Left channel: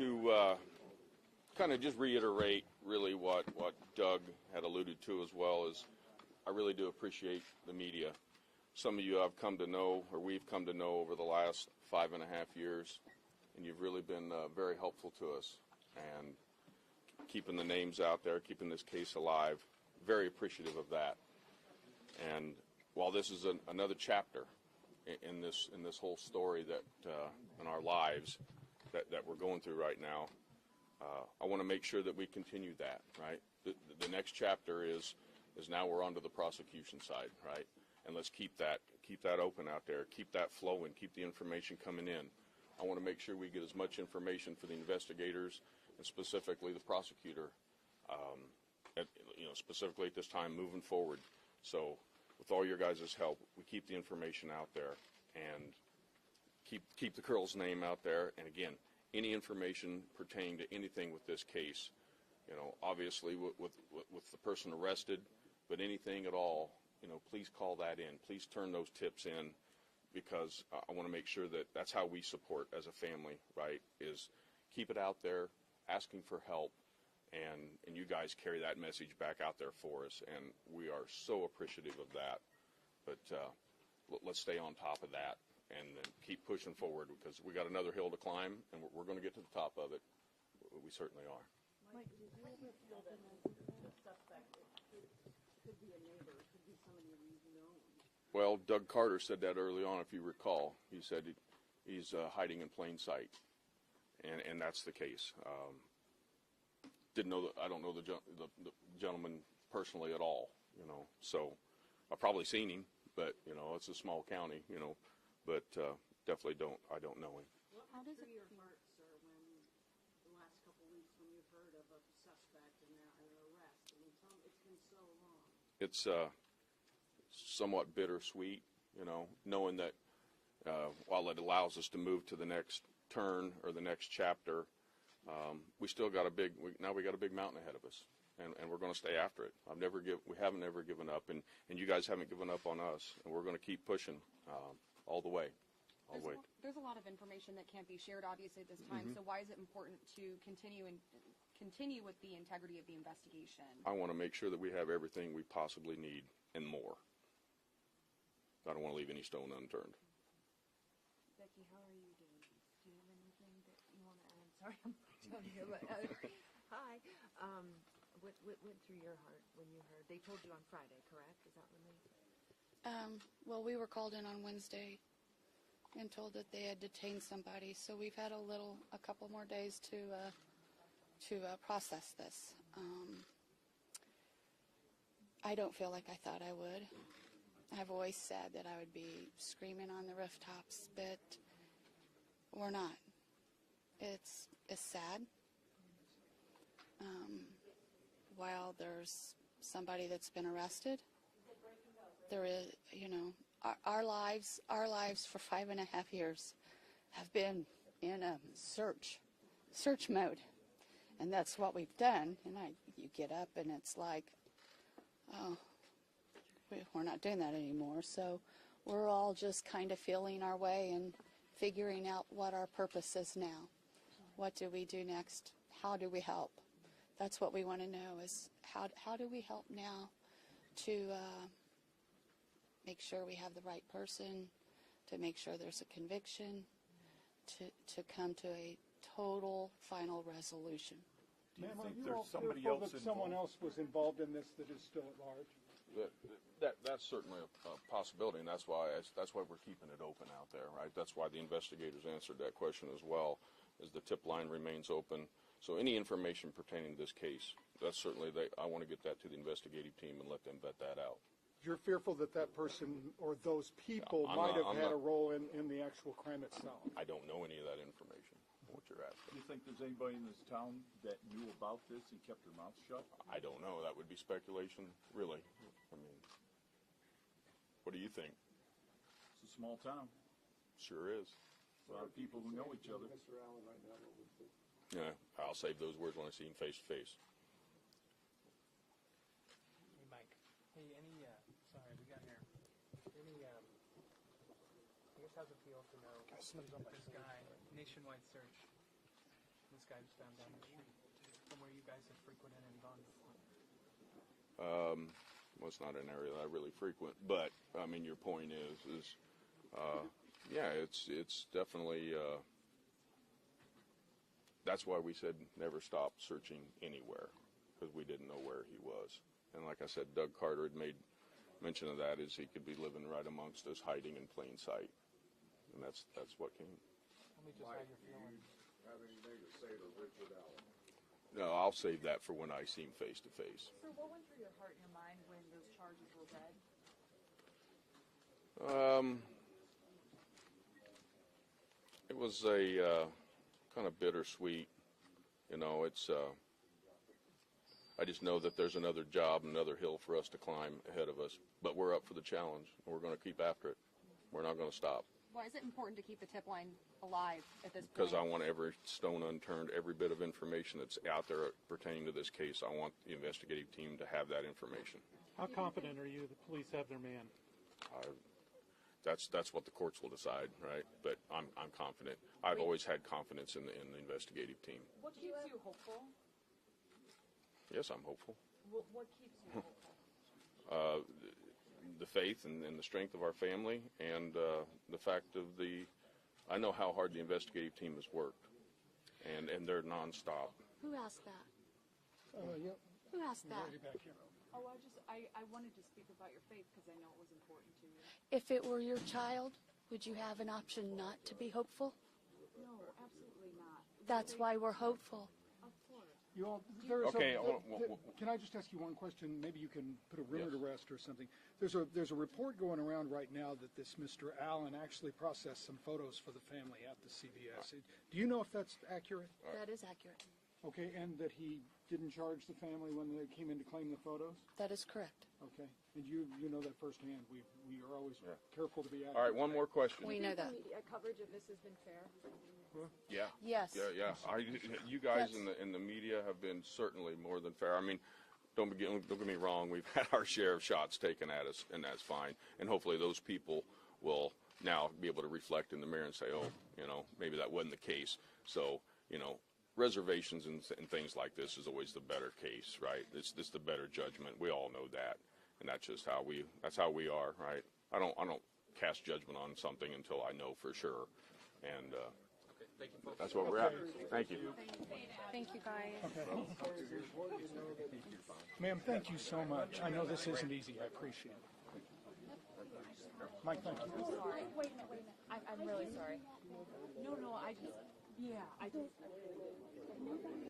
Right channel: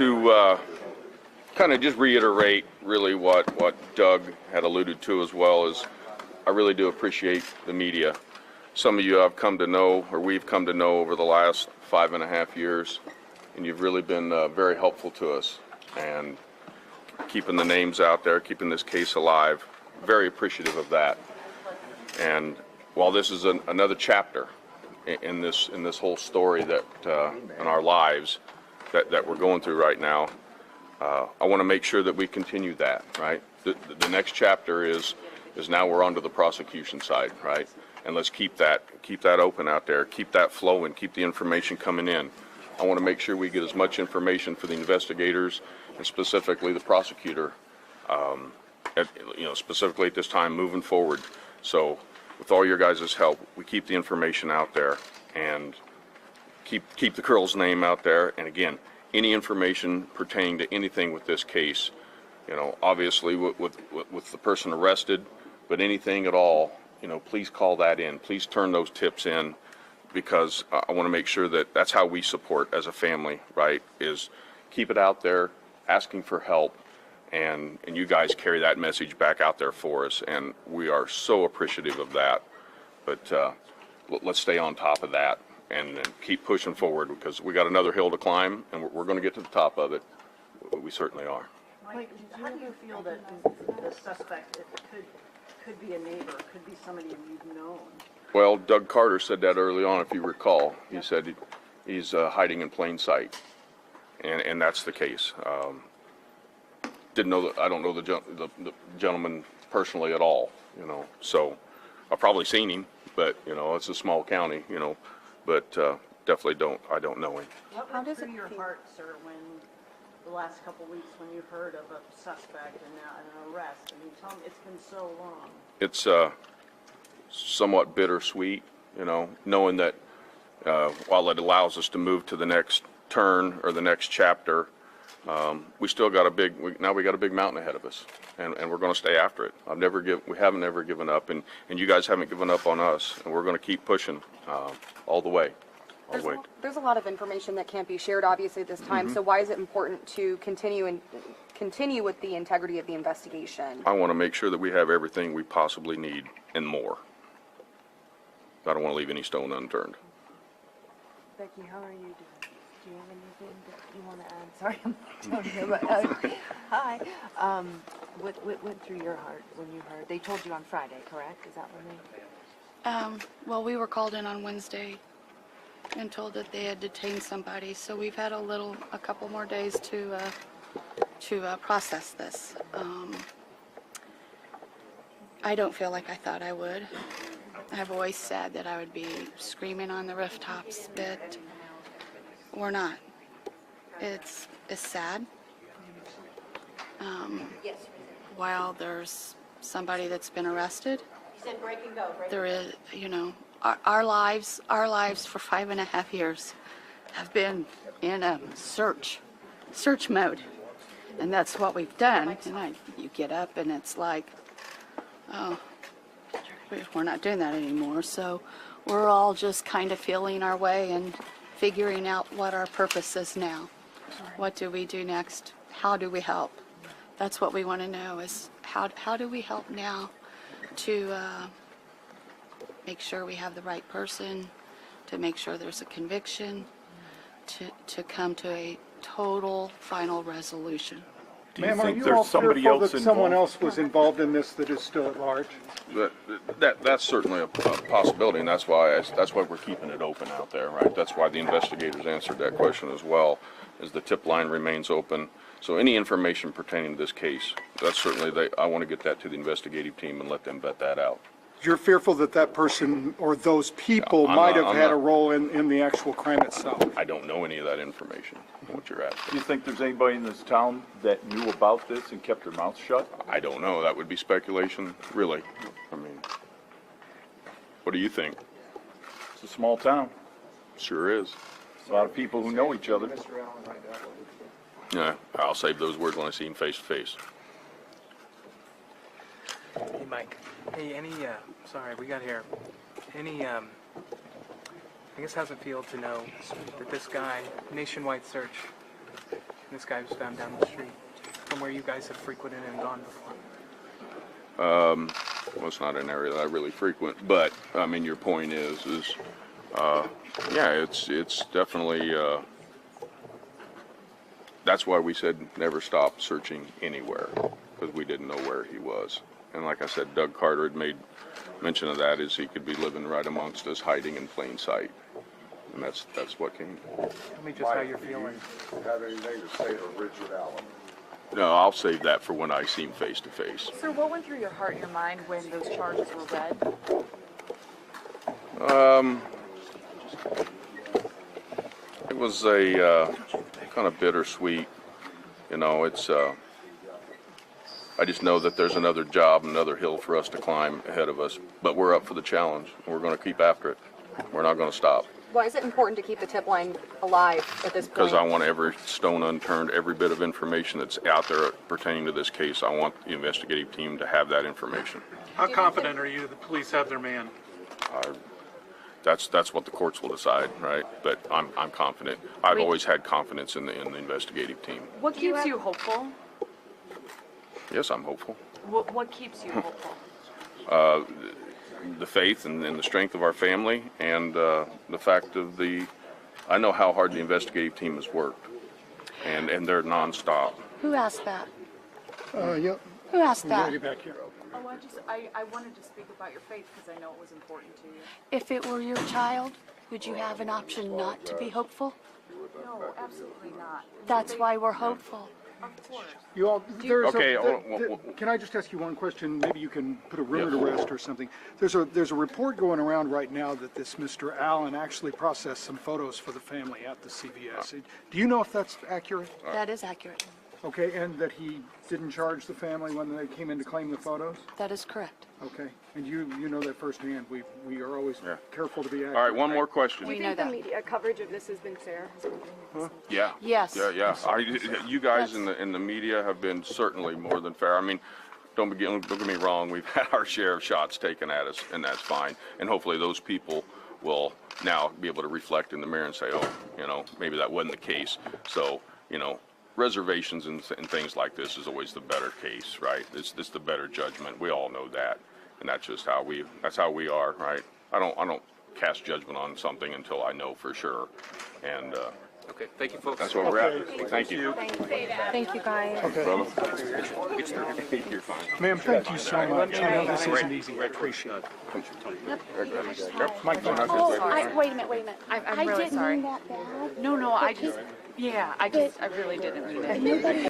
to kind of just reiterate really what Doug had alluded to as well is I really do appreciate the media. Some of you I've come to know, or we've come to know over the last 5.5 years, and you've really been very helpful to us and keeping the names out there, keeping this case alive. Very appreciative of that. And while this is another chapter in this whole story that in our lives that we're going through right now, I want to make sure that we continue that, right? The next chapter is now we're onto the prosecution side, right? And let's keep that open out there, keep that flowing, keep the information coming in. I want to make sure we get as much information for the investigators and specifically the prosecutor, specifically at this time moving forward. So with all your guys' help, we keep the information out there and keep the girl's name out there. And again, any information pertaining to anything with this case, obviously with the person arrested, but anything at all, please call that in. Please turn those tips in, because I want to make sure that that's how we support as a family, right? Is keep it out there, asking for help, and you guys carry that message back out there for us, and we are so appreciative of that. But let's stay on top of that and keep pushing forward, because we got another hill to climb, and we're going to get to the top of it. We certainly are. Mike, how do you feel that the suspect could be a neighbor, could be somebody you've known? Well, Doug Carter said that early on, if you recall. He said he's hiding in plain sight, and that's the case. I don't know the gentleman personally at all, so I've probably seen him, but it's a small county, but definitely I don't know him. What went through your heart, sir, when the last couple of weeks when you heard of a suspect and now an arrest? I mean, tell me, it's been so long. It's somewhat bittersweet, knowing that while it allows us to move to the next turn or the next chapter, we still got a big mountain ahead of us, and we're going to stay after it. We haven't ever given up, and you guys haven't given up on us, and we're going to keep pushing all the way. There's a lot of information that can't be shared, obviously, at this time. So why is it important to continue with the integrity of the investigation? I want to make sure that we have everything we possibly need and more. I don't want to leave any stone unturned. Becky, how are you doing? Do you have anything that you want to add? Sorry, I'm telling you, but hi. What went through your heart when you heard? They told you on Friday, correct? Is that when they? Well, we were called in on Wednesday and told that they had detained somebody, so we've had a couple more days to process this. I don't feel like I thought I would. I've always said that I would be screaming on the rooftops, but we're not. It's sad. While there's somebody that's been arrested, there is, our lives for 5.5 years have been in a search mode, and that's what we've done. And you get up and it's like, oh, we're not doing that anymore. So we're all just kind of feeling our way and figuring out what our purpose is now. What do we do next? How do we help? That's what we want to know, is how do we help now to make sure we have the right person, to make sure there's a conviction, to come to a total final resolution. Do you think there's somebody else involved? Someone else was involved in this that is still at large? That's certainly a possibility, and that's why we're keeping it open out there, right? That's why the investigators answered that question as well, is the tip line remains open. So any information pertaining to this case, that's certainly, I want to get that to the investigative team and let them vet that out. You're fearful that that person or those people might have had a role in the actual crime itself? I don't know any of that information, what you're asking. Do you think there's anybody in this town that knew about this and kept their mouth shut? I don't know. That would be speculation, really. I mean, what do you think? It's a small town. Sure is. A lot of people who know each other. Yeah, I'll save those words when I see him face to face. Hey, Mike. Hey, sorry, we got here. I guess how's it feel to know that this guy, nationwide search, this guy was found down the street from where you guys have frequented and gone before. Well, it's not an area that I really frequent, but, I mean, your point is, yeah, it's definitely, that's why we said never stop searching anywhere, because we didn't know where he was. And like I said, Doug Carter had made mention of that, is he could be living right amongst us, hiding in plain sight. And that's what came. Tell me just how you're feeling. Have anything to say to Richard Allen? No, I'll save that for when I see him face to face. Sir, what went through your heart and your mind when those charges were read? It was a kind of bittersweet, you know, it's, I just know that there's another job, another hill for us to climb ahead of us, but we're up for the challenge, and we're going to keep after it. We're not going to stop. Why is it important to keep the tip line alive at this point? Because I want every stone unturned, every bit of information that's out there pertaining to this case. I want the investigative team to have that information. How confident are you the police have their man? That's what the courts will decide, right? But I'm confident. I've always had confidence in the investigative team. What keeps you hopeful? Yes, I'm hopeful. What keeps you hopeful? The faith and the strength of our family, and the fact of I know how hard the investigative team has worked, and they're nonstop. Who asked that? Yep. Who asked that? Lady back here. Oh, I wanted to speak about your faith because I know it was important to you. If it were your child, would you have an option not to be hopeful? No, absolutely not. That's why we're hopeful. Of course. You all, there's Okay, can I just ask you one question? Maybe you can put a rumor to rest or something. There's a report going around right now that this Mr. Allen actually processed some photos for the family at the CVS. Do you know if that's accurate? That is accurate. Okay, and that he didn't charge the family when they came in to claim the photos? That is correct. Okay, and you know that firsthand. We are always careful to be accurate. All right, one more question. We know that. media coverage of this has been fair? Yeah. Yes. Yeah. You guys in the media have been certainly more than fair. I mean, don't get me wrong. We've had our share of shots taken at us, and that's fine. And hopefully those people will now be able to reflect in the mirror and say, oh, you know, maybe that wasn't the case. So, you know, reservations and things like this is always the better case, right? It's the better judgment. We all know that, and that's just how we are, right? I don't cast judgment on something until I know for sure, and Okay, thank you, folks. that's where we're at. Thank you. Thank you, guys. Brother. Ma'am, thank you so much. I know this isn't easy. I appreciate it. Mike, Wait a minute. I'm really sorry. Mean that bad. No, I really didn't mean it. Nobody